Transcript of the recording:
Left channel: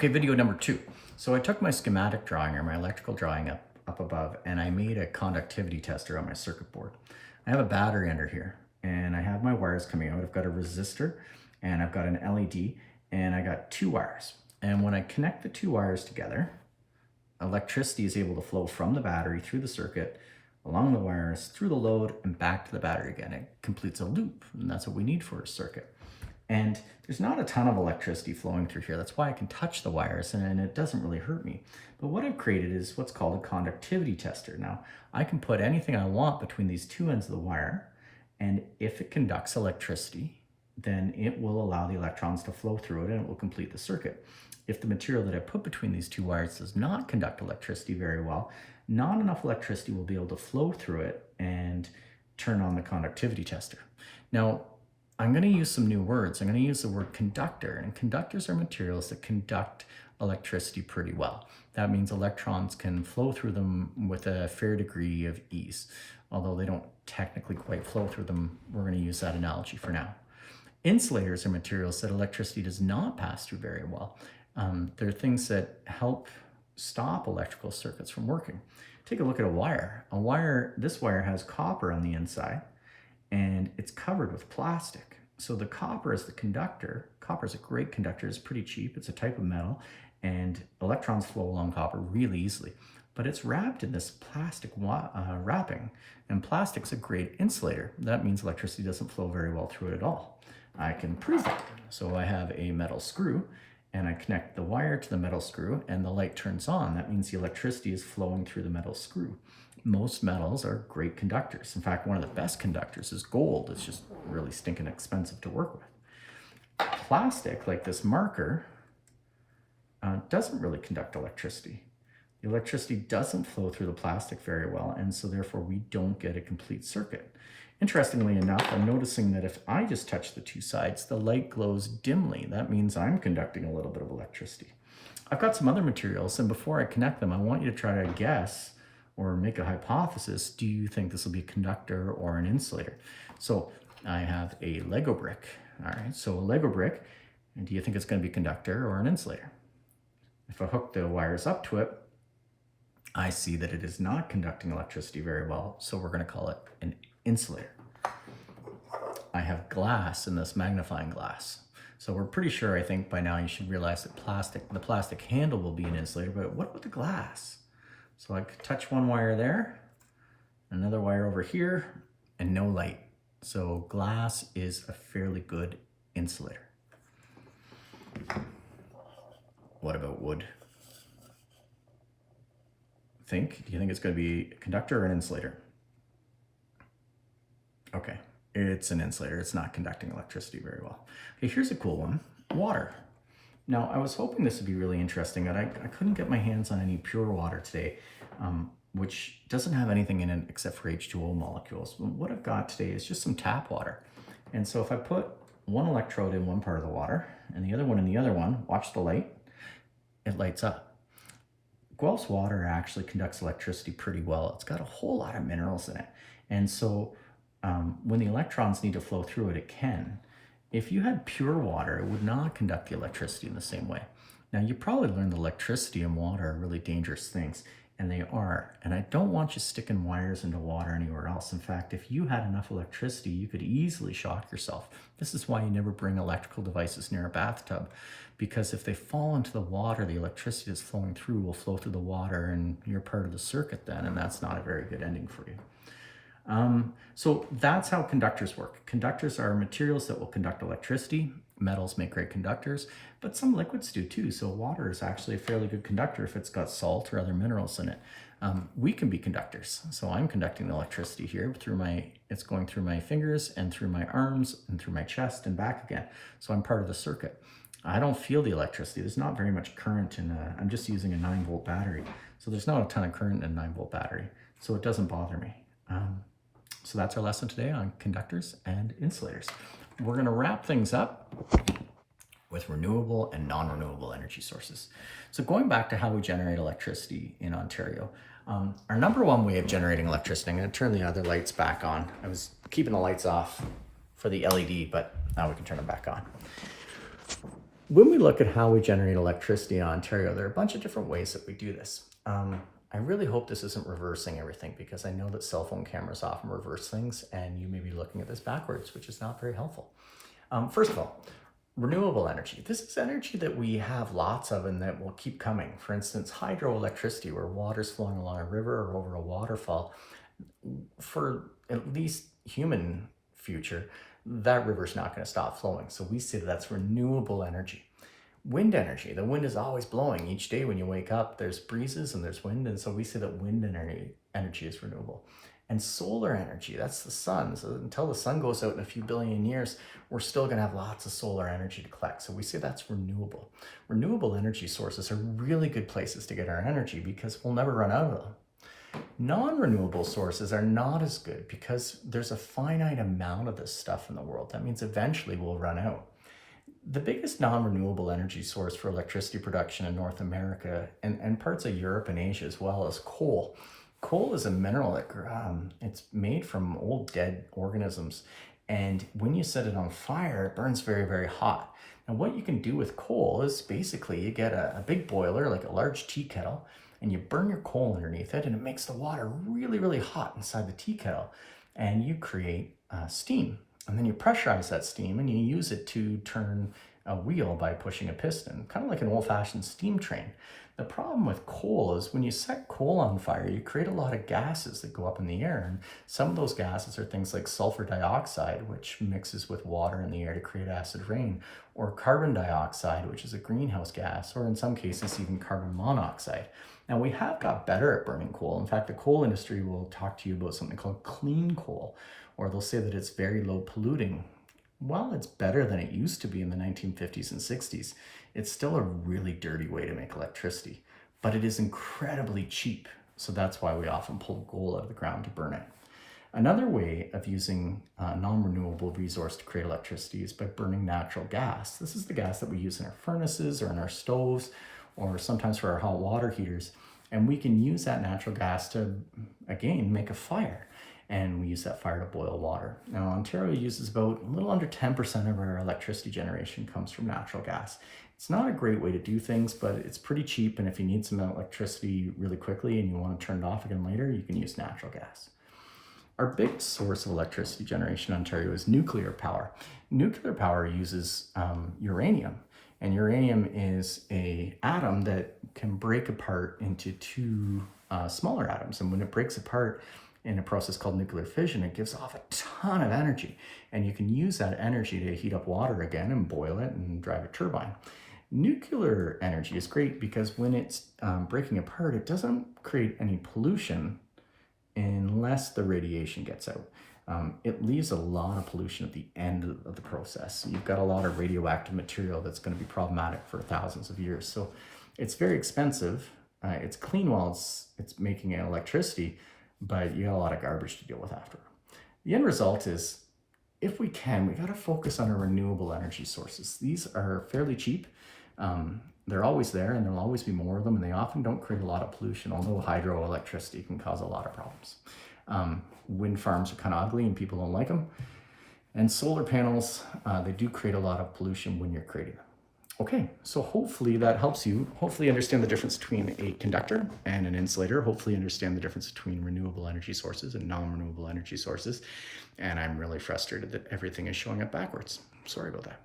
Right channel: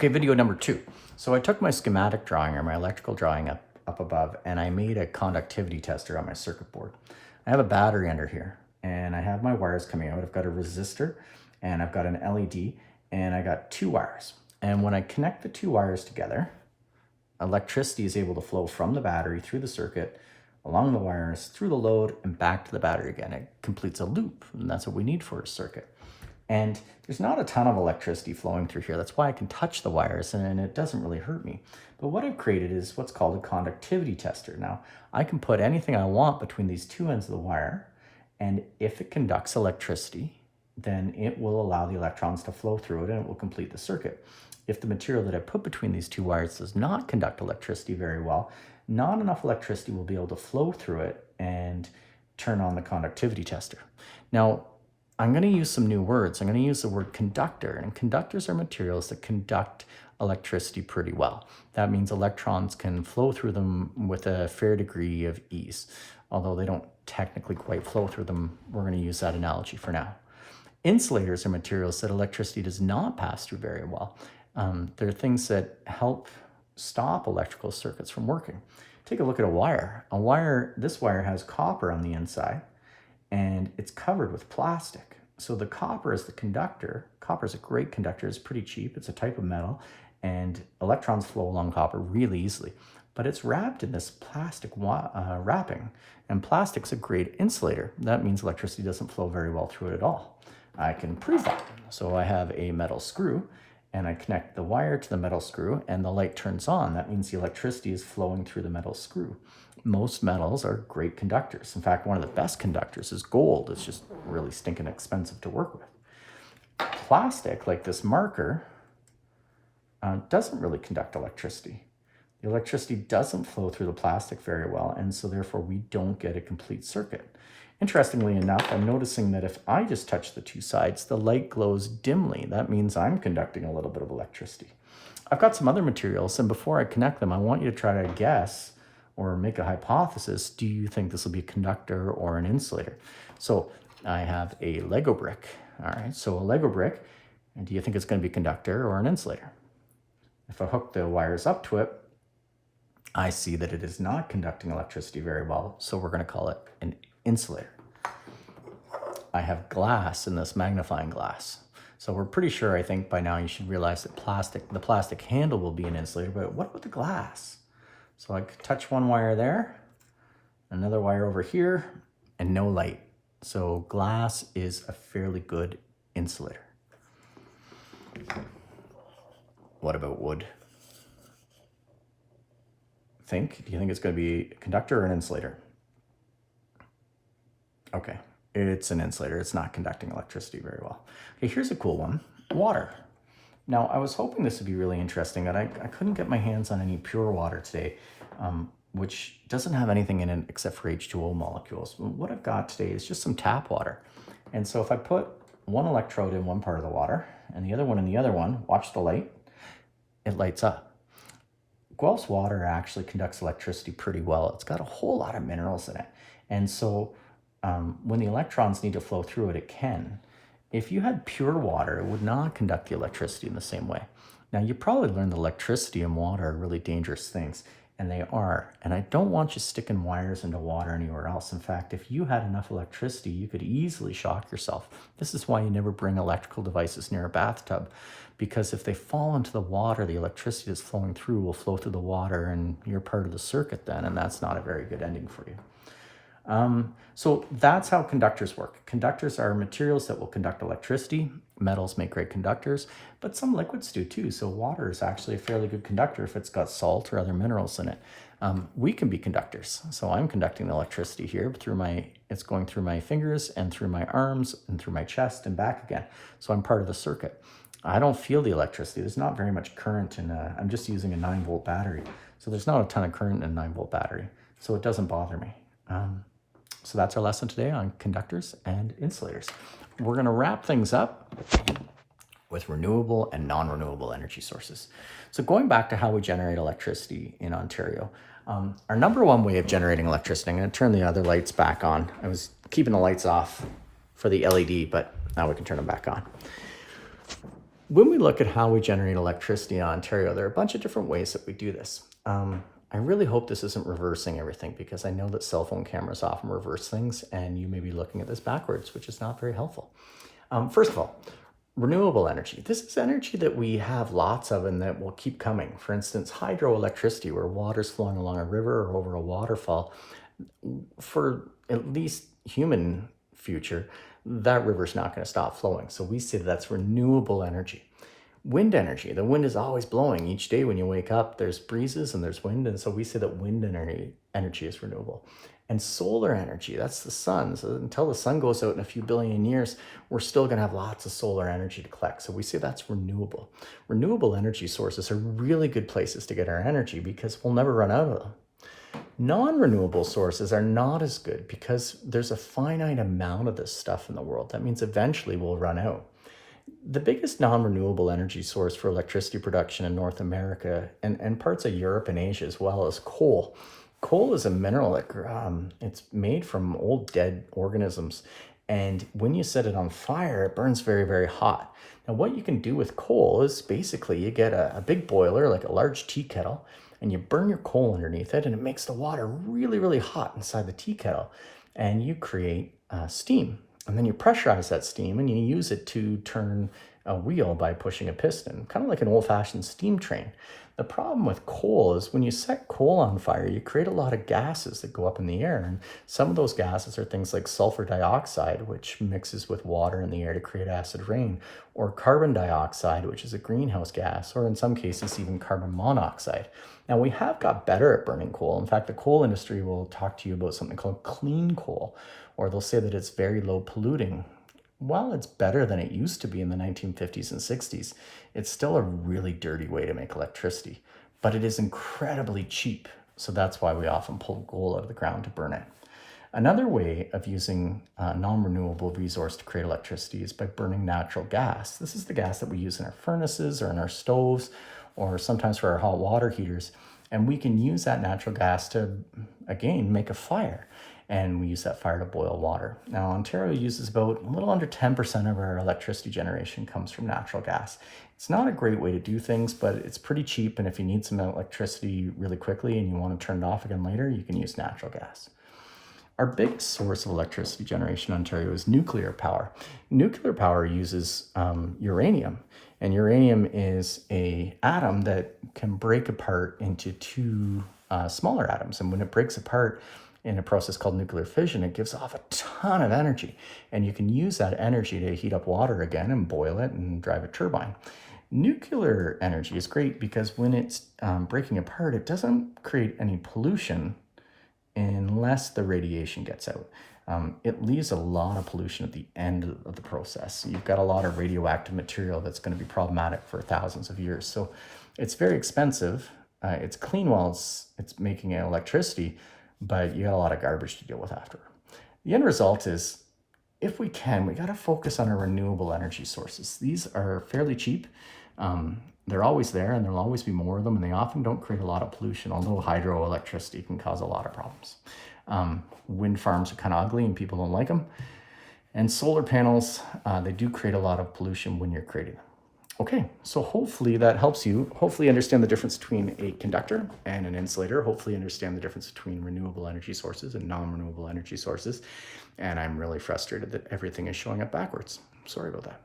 Okay, video number 2. So I took my schematic drawing or my electrical drawing up above, and I made a conductivity tester on my circuit board. I have a battery under here, and I have my wires coming out. I've got a resistor, and I've got an LED, and I got 2 wires. And when I connect the 2 wires together, electricity is able to flow from the battery through the circuit, along the wires, through the load, and back to the battery again. It completes a loop, and that's what we need for a circuit. And there's not a ton of electricity flowing through here. That's why I can touch the wires and it doesn't really hurt me. But what I've created is what's called a conductivity tester. Now, I can put anything I want between these 2 ends of the wire, and if it conducts electricity, then it will allow the electrons to flow through it and it will complete the circuit. If the material that I put between these 2 wires does not conduct electricity very well, not enough electricity will be able to flow through it and turn on the conductivity tester. Now, I'm going to use some new words. I'm going to use the word conductor, and conductors are materials that conduct electricity pretty well. That means electrons can flow through them with a fair degree of ease. Although they don't technically quite flow through them, we're going to use that analogy for now. Insulators are materials that electricity does not pass through very well. They're things that help stop electrical circuits from working. Take a look at a wire. This wire has copper on the inside, and it's covered with plastic. So the copper is the conductor. Copper is a great conductor. It's pretty cheap. It's a type of metal, and electrons flow along copper really easily. But it's wrapped in this plastic wrapping, and plastic's a great insulator. That means electricity doesn't flow very well through it at all. I can prove that. So I have a metal screw, and I connect the wire to the metal screw, and the light turns on. That means the electricity is flowing through the metal screw. Most metals are great conductors. In fact, one of the best conductors is gold. It's just really stinking expensive to work with. Plastic, like this marker, doesn't really conduct electricity. The electricity doesn't flow through the plastic very well, and so therefore we don't get a complete circuit. Interestingly enough, I'm noticing that if I just touch the 2 sides, the light glows dimly. That means I'm conducting a little bit of electricity. I've got some other materials, and before I connect them, I want you to try to guess or make a hypothesis. Do you think this will be a conductor or an insulator? So I have a Lego brick. All right, so a Lego brick, and do you think it's going to be a conductor or an insulator? If I hook the wires up to it, I see that it is not conducting electricity very well, so we're going to call it an insulator. I have glass in this magnifying glass. So we're pretty sure, I think by now you should realize that the plastic handle will be an insulator, but what about the glass? So I touch one wire there, another wire over here, and no light. So glass is a fairly good insulator. What about wood? Do you think it's going to be a conductor or an insulator? Okay, it's an insulator. It's not conducting electricity very well. Okay, here's a cool one, water. Now, I was hoping this would be really interesting, and I couldn't get my hands on any pure water today, which doesn't have anything in it except for H2O molecules. What I've got today is just some tap water. And so if I put one electrode in one part of the water and the other one in the other one, watch the light, it lights up. Guelph's water actually conducts electricity pretty well. It's got a whole lot of minerals in it. And so when the electrons need to flow through it, it can. If you had pure water, it would not conduct the electricity in the same way. Now, you probably learned that electricity and water are really dangerous things, and they are. And I don't want you sticking wires into water anywhere else. In fact, if you had enough electricity, you could easily shock yourself. This is why you never bring electrical devices near a bathtub, because if they fall into the water, the electricity that's flowing through will flow through the water, and you're part of the circuit then, and that's not a very good ending for you. So that's how conductors work. Conductors are materials that will conduct electricity. Metals make great conductors, but some liquids do too. So water is actually a fairly good conductor if it's got salt or other minerals in it. We can be conductors. So I'm conducting electricity here it's going through my fingers and through my arms and through my chest and back again. So I'm part of the circuit. I don't feel the electricity. There's not very much current I'm just using a 9-volt battery. So there's not a ton of current in a 9-volt battery. So it doesn't bother me. So that's our lesson today on conductors and insulators. We're going to wrap things up with renewable and non-renewable energy sources. So going back to how we generate electricity in Ontario, our number one way of generating electricity, I'm going to turn the other lights back on. I was keeping the lights off for the LED, but now we can turn them back on. When we look at how we generate electricity in Ontario, there are a bunch of different ways that we do this. I really hope this isn't reversing everything, because I know that cell phone cameras often reverse things, and you may be looking at this backwards, which is not very helpful. First of all, renewable energy. This is energy that we have lots of and that will keep coming. For instance, hydroelectricity, where water's flowing along a river or over a waterfall. For at least human future, that river's not going to stop flowing. So we say that's renewable energy. Wind energy, the wind is always blowing. Each day when you wake up, there's breezes and there's wind. And so we say that wind energy is renewable. And solar energy, that's the sun. So until the sun goes out in a few billion years, we're still going to have lots of solar energy to collect. So we say that's renewable. Renewable energy sources are really good places to get our energy because we'll never run out of them. Non-renewable sources are not as good because there's a finite amount of this stuff in the world. That means eventually we'll run out. The biggest non-renewable energy source for electricity production in North America and parts of Europe and Asia as well is coal. Coal is a mineral that it's made from old dead organisms. And when you set it on fire, it burns very, very hot. Now, what you can do with coal is basically you get a big boiler, like a large tea kettle, and you burn your coal underneath it, and it makes the water really, really hot inside the tea kettle. And you create steam. And then you pressurize that steam and you use it to turn a wheel by pushing a piston, kind of like an old-fashioned steam train. The problem with coal is when you set coal on fire, you create a lot of gases that go up in the air. And some of those gases are things like sulfur dioxide, which mixes with water in the air to create acid rain, or carbon dioxide, which is a greenhouse gas, or in some cases, even carbon monoxide. Now, we have got better at burning coal. In fact, the coal industry will talk to you about something called clean coal, or they'll say that it's very low polluting. While it's better than it used to be in the 1950s and 60s, it's still a really dirty way to make electricity, but it is incredibly cheap. So that's why we often pull coal out of the ground to burn it. Another way of using a non-renewable resource to create electricity is by burning natural gas. This is the gas that we use in our furnaces or in our stoves, or sometimes for our hot water heaters. And we can use that natural gas to, again, make a fire. And we use that fire to boil water. Now, Ontario uses about a little under 10% of our electricity generation comes from natural gas. It's not a great way to do things, but it's pretty cheap. And if you need some electricity really quickly and you want to turn it off again later, you can use natural gas. Our biggest source of electricity generation in Ontario is nuclear power. Nuclear power uses uranium. And uranium is an atom that can break apart into two smaller atoms. And when it breaks apart, in a process called nuclear fission, it gives off a ton of energy. And you can use that energy to heat up water again and boil it and drive a turbine. Nuclear energy is great because when it's breaking apart, it doesn't create any pollution unless the radiation gets out. It leaves a lot of pollution at the end of the process. You've got a lot of radioactive material that's going to be problematic for thousands of years. So it's very expensive. It's clean while it's making electricity, but you got a lot of garbage to deal with after. The end result is, if we can, we got to focus on our renewable energy sources. These are fairly cheap. They're always there, and there'll always be more of them, and they often don't create a lot of pollution, although hydroelectricity can cause a lot of problems. Wind farms are kind of ugly, and people don't like them. And solar panels, they do create a lot of pollution when you're creating them. Okay, so hopefully that helps you. Hopefully understand the difference between a conductor and an insulator. Hopefully understand the difference between renewable energy sources and non-renewable energy sources. And I'm really frustrated that everything is showing up backwards. Sorry about that.